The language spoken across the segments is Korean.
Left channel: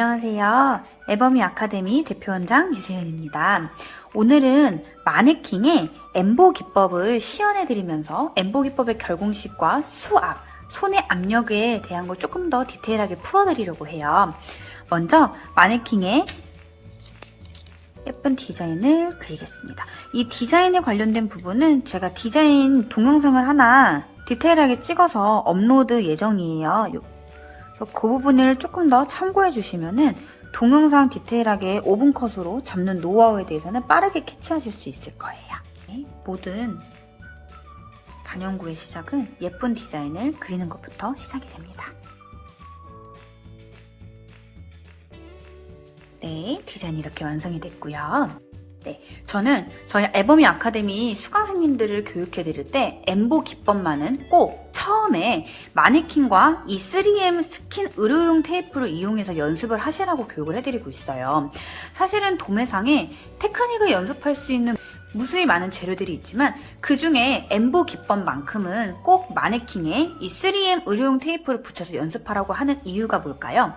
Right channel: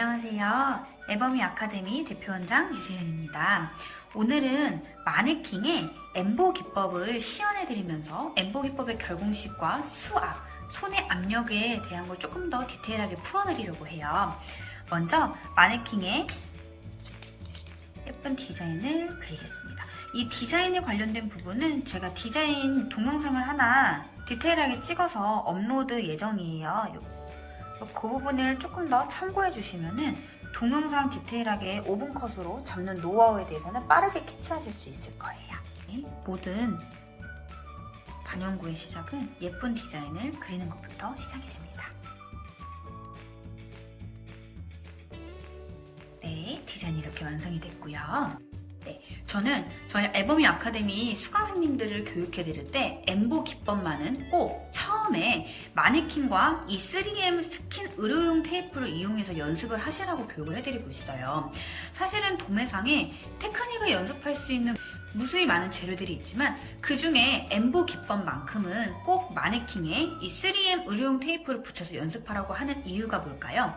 안녕하세요. 에버미 아카데미 대표원장 유세윤입니다. 오늘은 마네킹의 엠보 기법을 시연해드리면서 엠보 기법의 결공식과 수압, 손의 압력에 대한 걸 조금 더 디테일하게 풀어드리려고 해요. 먼저 마네킹의 예쁜 디자인을 그리겠습니다. 이 디자인에 관련된 부분은 제가 디자인 동영상을 하나 디테일하게 찍어서 업로드 예정이에요. 그 부분을 조금 더 참고해 주시면은 동영상 디테일하게 5분 컷으로 잡는 노하우에 대해서는 빠르게 캐치하실 수 있을 거예요. 모든 반영구의 시작은 예쁜 디자인을 그리는 것부터 시작이 됩니다. 네, 디자인이 이렇게 완성이 됐고요. 네, 저는 저희 에버미 아카데미 수강생님들을 교육해 드릴 때 엠보 기법만은 꼭 처음에 마네킹과 이 3M 스킨 의료용 테이프를 이용해서 연습을 하시라고 교육을 해드리고 있어요. 사실은 도매상에 테크닉을 연습할 수 있는 무수히 많은 재료들이 있지만 그 중에 엠보 기법만큼은 꼭 마네킹에 이 3M 의료용 테이프를 붙여서 연습하라고 하는 이유가 뭘까요?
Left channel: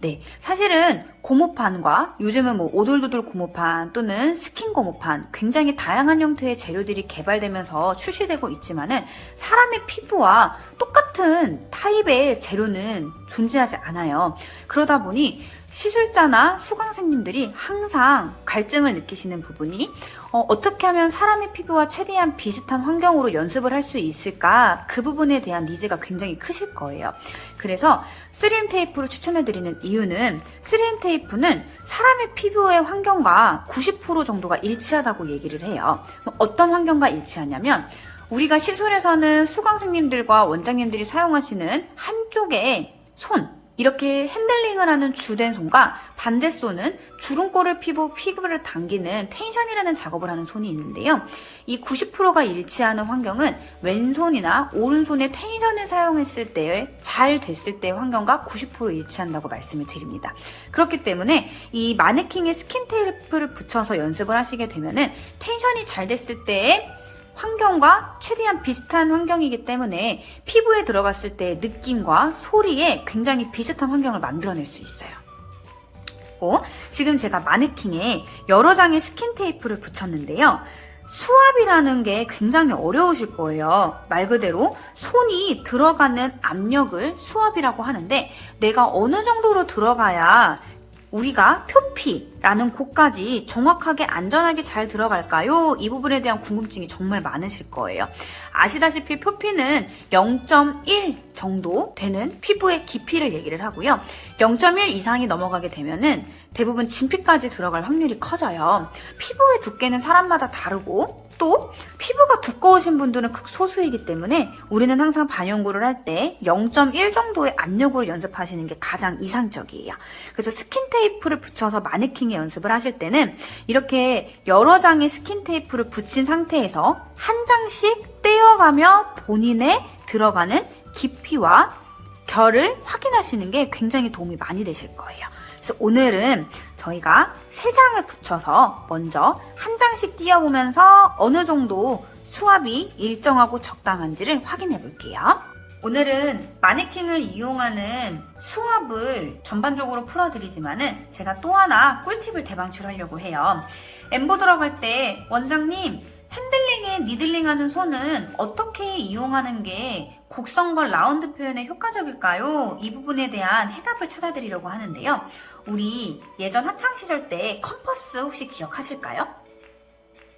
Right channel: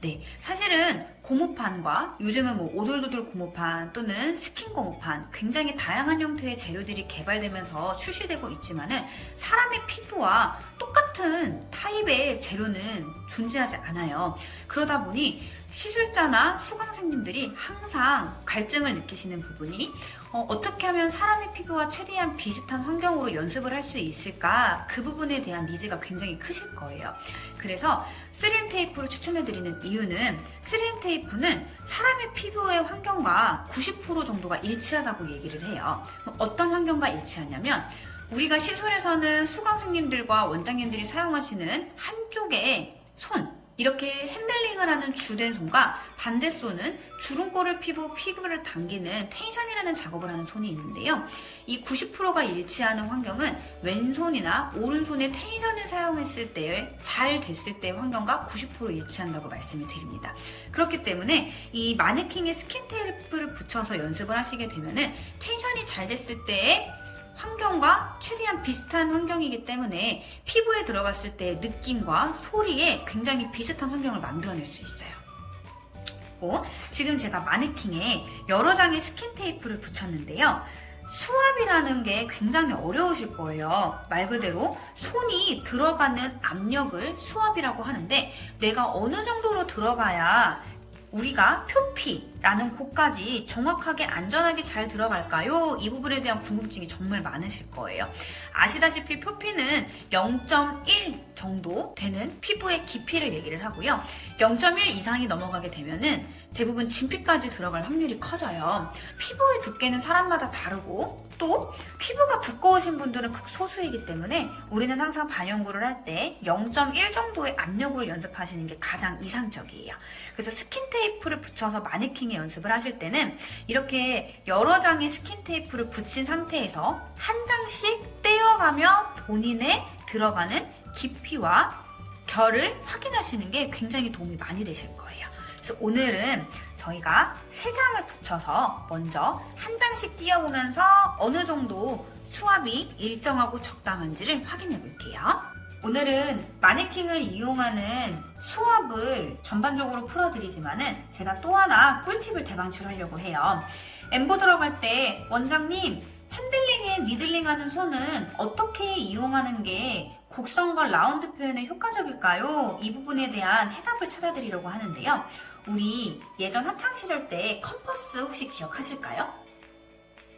네, 사실은 고무판과 요즘은 오돌도돌 고무판 또는 스킨 고무판 굉장히 다양한 형태의 재료들이 개발되면서 출시되고 있지만은 사람의 피부와 똑같은 타입의 재료는 존재하지 않아요. 그러다 보니 시술자나 수강생님들이 항상 갈증을 느끼시는 부분이 어떻게 하면 사람의 피부와 최대한 비슷한 환경으로 연습을 할 수 있을까? 그 부분에 대한 니즈가 굉장히 크실 거예요. 그래서 3M 테이프를 추천해드리는 이유는 3M 테이프는 사람의 피부의 환경과 90% 정도가 일치하다고 얘기를 해요. 어떤 환경과 일치하냐면 우리가 시술에서는 수강생님들과 원장님들이 사용하시는 한쪽의 손, 이렇게 핸들링을 하는 주된 손과 반대 손은 주름골을 피부를 당기는 텐션이라는 작업을 하는 손이 있는데요. 이 90%가 일치하는 환경은 왼손이나 오른손의 텐션을 사용했을 때 잘 됐을 때의 환경과 90% 일치한다고 말씀을 드립니다. 그렇기 때문에 이 마네킹에 스킨 테이프를 붙여서 연습을 하시게 되면은 텐션이 잘 됐을 때의 환경과 최대한 비슷한 환경이기 때문에 피부에 들어갔을 때의 느낌과 소리에 굉장히 비슷한 환경을 만들어낼 수 있어요. 지금 제가 마네킹에 여러 장의 스킨 테이프를 붙였는데요. 수압이라는 게 굉장히 어려우실 거예요. 말 그대로 손이 들어가는 압력을 수압이라고 하는데 내가 어느 정도로 들어가야 우리가 표피라는 곳까지 정확하게 안전하게 잘 들어갈까요? 이 부분에 대한 궁금증이 정말 많으실 거예요. 아시다시피 표피는 0.1 정도 되는 피부의 깊이를 얘기를 하고요. 0.1 이상이 넘어가게 되면은 대부분 진피까지 들어갈 확률이 커져요. 피부의 두께는 사람마다 다르고 또 피부가 두꺼우신 분들은 극소수이기 때문에 우리는 항상 반영구를 할 때 0.1 정도의 압력으로 연습하시는 게 가장 이상적이에요. 그래서 스킨 테이프를 붙여서 마네킹에 연습을 하실 때는 이렇게 여러 장의 스킨 테이프를 붙인 상태에서 한 장씩 떼어가며 본인의 들어가는 깊이와 결을 확인하시는 게 굉장히 도움이 많이 되실 거예요. 그래서 오늘은 저희가 3장을 붙여서 먼저 한 장씩 띄워보면서 어느 정도 수압이 일정하고 적당한지를 확인해 볼게요. 오늘은 마네킹을 이용하는 수압을 전반적으로 풀어드리지만은 제가 또 하나 꿀팁을 대방출하려고 해요. 엠보 들어갈 때 원장님 핸들링에 니들링하는 손은 어떻게 이용하는 게 곡선과 라운드 표현에 효과적일까요? 이 부분에 대한 해답을 찾아드리려고 하는데요. 우리 예전 학창시절 때 컴퍼스 혹시 기억하실까요?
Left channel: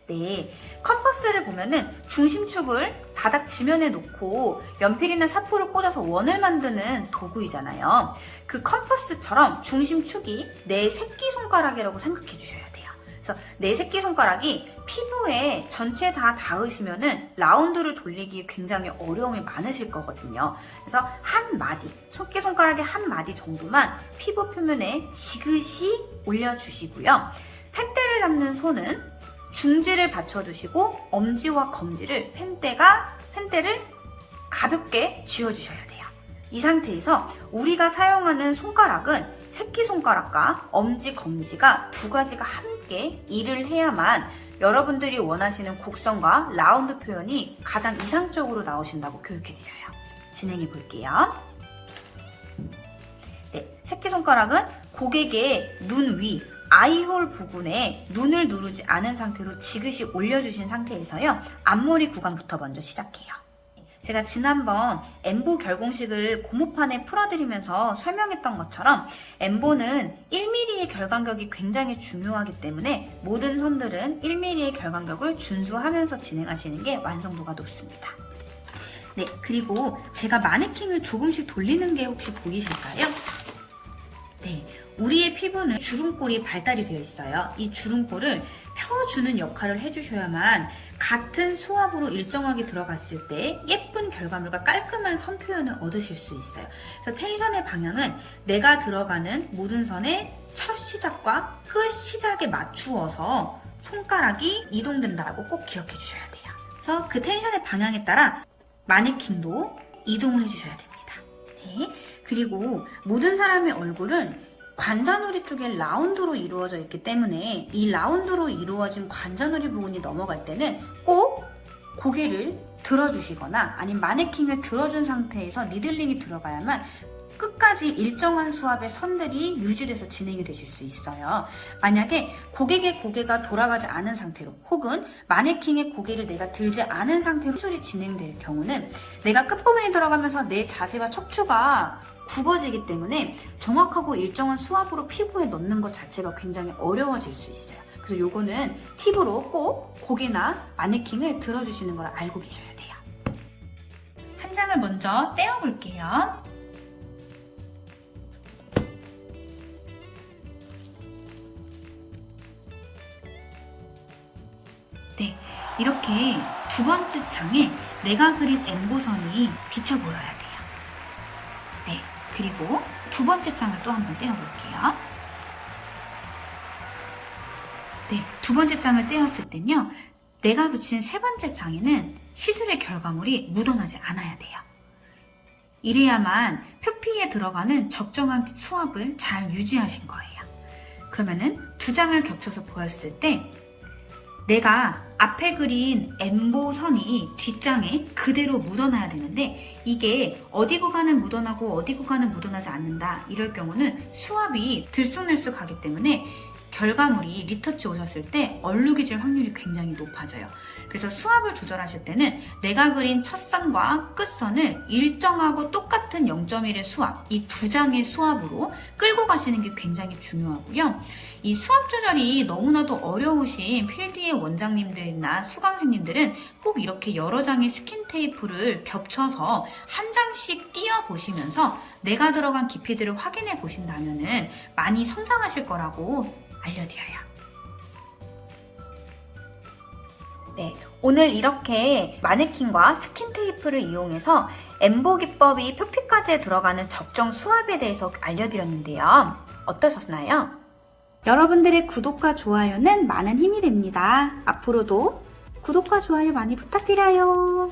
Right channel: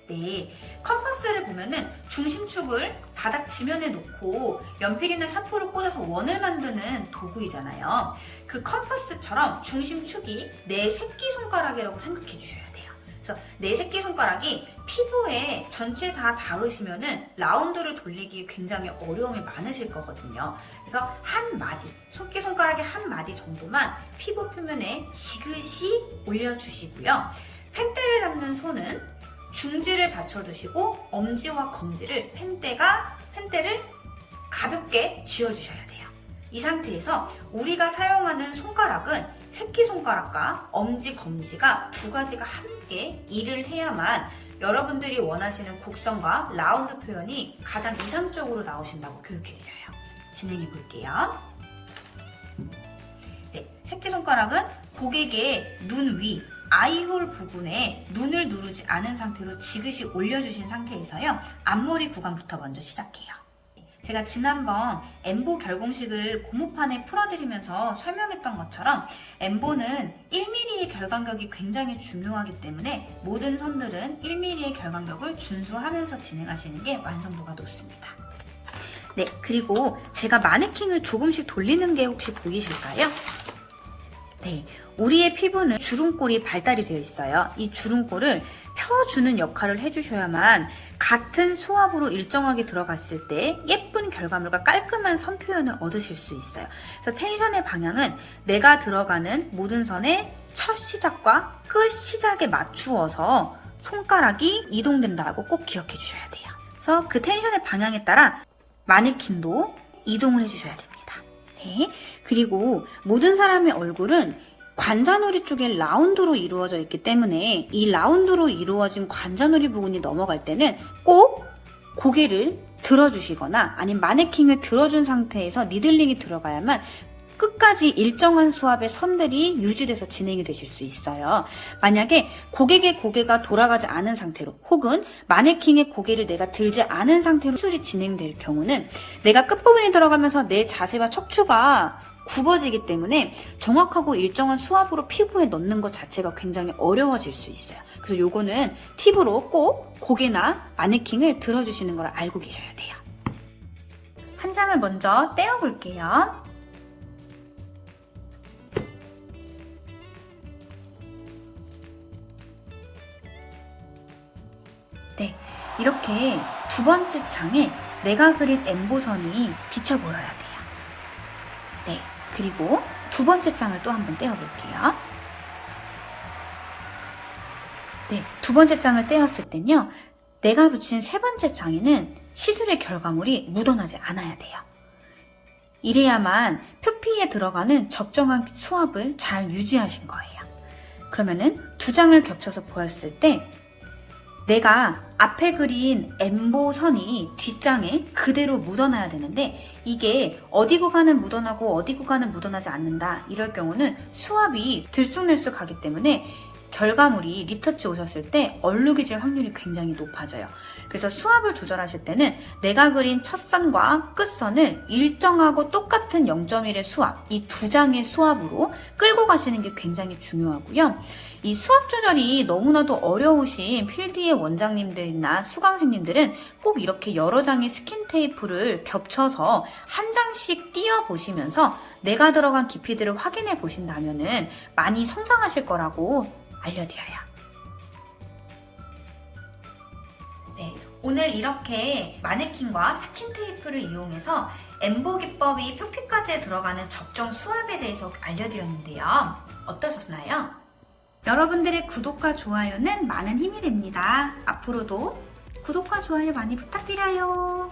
네, 컴퍼스를 보면은 중심축을 바닥 지면에 놓고 연필이나 샤프를 꽂아서 원을 만드는 도구이잖아요. 그 컴퍼스처럼 중심축이 내 새끼손가락이라고 생각해 주셔야 돼요. 그래서 내 새끼손가락이 피부에 전체 다 닿으시면은 라운드를 돌리기 굉장히 어려움이 많으실 거거든요. 그래서 한 마디, 새끼손가락의 한 마디 정도만 피부 표면에 지그시 올려주시고요. 펜대를 잡는 손은 중지를 받쳐두시고 엄지와 검지를 펜대를 가볍게 쥐어주셔야 돼요. 이 상태에서 우리가 사용하는 손가락은 새끼손가락과 엄지, 검지가 두 가지가 함께 일을 해야만 여러분들이 원하시는 곡선과 라운드 표현이 가장 이상적으로 나오신다고 교육해드려요. 진행해 볼게요. 네, 새끼손가락은 고객의 눈 위, 아이홀 부분에 눈을 누르지 않은 상태로 지그시 올려주신 상태에서요. 앞머리 구간부터 먼저 시작해요. 제가 지난번 엠보 결공식을 고무판에 풀어드리면서 설명했던 것처럼 엠보는 1mm의 결간격이 굉장히 중요하기 때문에 모든 선들은 1mm의 결간격을 준수하면서 진행하시는 게 완성도가 높습니다. 네, 그리고 제가 마네킹을 조금씩 돌리는 게 혹시 보이실까요? 네, 우리의 피부는 주름골이 발달이 되어 있어요. 이 주름골을 펴주는 역할을 해주셔야만 같은 수압으로 일정하게 들어갔을 때 예쁜 결과물과 깔끔한 선 표현을 얻으실 수 있어요. 그래서 텐션의 방향은 내가 들어가는 모든 선의 첫 시작과 끝 시작에 맞추어서 손가락이 이동된다고 꼭 기억해 주셔야 돼요. 그래서 그 텐션의 방향에 따라 마네킹도 이동을 해주셔야 됩니다. 네. 그리고 모든 사람의 얼굴은 관자놀이 쪽에 라운드로 이루어져 있기 때문에 이 라운드로 이루어진 관자놀이 부분이 넘어갈 때는 꼭 고개를 들어주시거나 아니면 마네킹을 들어준 상태에서 니들링이 들어가야만 끝까지 일정한 수압의 선들이 유지돼서 진행이 되실 수 있어요. 만약에 고객의 고개가 돌아가지 않은 상태로 혹은 마네킹의 고개를 내가 들지 않은 상태로 수술이 진행될 경우는 내가 끝부분에 들어가면서 내 자세와 척추가 굽어지기 때문에 정확하고 일정한 수압으로 피부에 넣는 것 자체가 굉장히 어려워질 수 있어요. 그래서 요거는 팁으로 꼭 고개나 마네킹을 들어주시는 걸 알고 계셔야 돼요. 한 장을 먼저 떼어볼게요. 네, 이렇게 두 번째 장에 내가 그린 엠보선이 비쳐 보여야 돼요. 네, 그리고 두 번째 장을 또 한번 떼어볼게요. 네, 두 번째 장을 떼었을 땐요, 내가 붙인 세 번째 장에는 시술의 결과물이 묻어나지 않아야 돼요. 이래야만 표피에 들어가는 적정한 수압을 잘 유지하신 거예요. 그러면은 두 장을 겹쳐서 보였을 때 내가 앞에 그린 엠보 선이 뒷장에 그대로 묻어나야 되는데 이게 어디 구간은 묻어나고 어디 구간은 묻어나지 않는다. 이럴 경우는 수압이 들쑥날쑥 하기 때문에 결과물이 리터치 오셨을 때 얼룩이질 확률이 굉장히 높아져요. 그래서 수압을 조절하실 때는 내가 그린 첫 선과 끝선을 일정하고 똑같은 0.1의 수압, 이 두 장의 수압으로 끌고 가시는 게 굉장히 중요하고요. 이 수압 조절이 너무나도 어려우신 필드의 원장님들이나 수강생님들은 꼭 이렇게 여러 장의 스킨 테이프를 겹쳐서 한 장씩 띄어보시면서 내가 들어간 깊이들을 확인해 보신다면은 많이 성장하실 거라고 알려드려요. 네, 오늘 이렇게 마네킹과 스킨 테이프를 이용해서 엠보 기법이 표피까지 들어가는 적정 수압에 대해서 알려드렸는데요. 어떠셨나요? 여러분들의 구독과 좋아요는 많은 힘이 됩니다. 앞으로도 구독과 좋아요 많이 부탁드려요.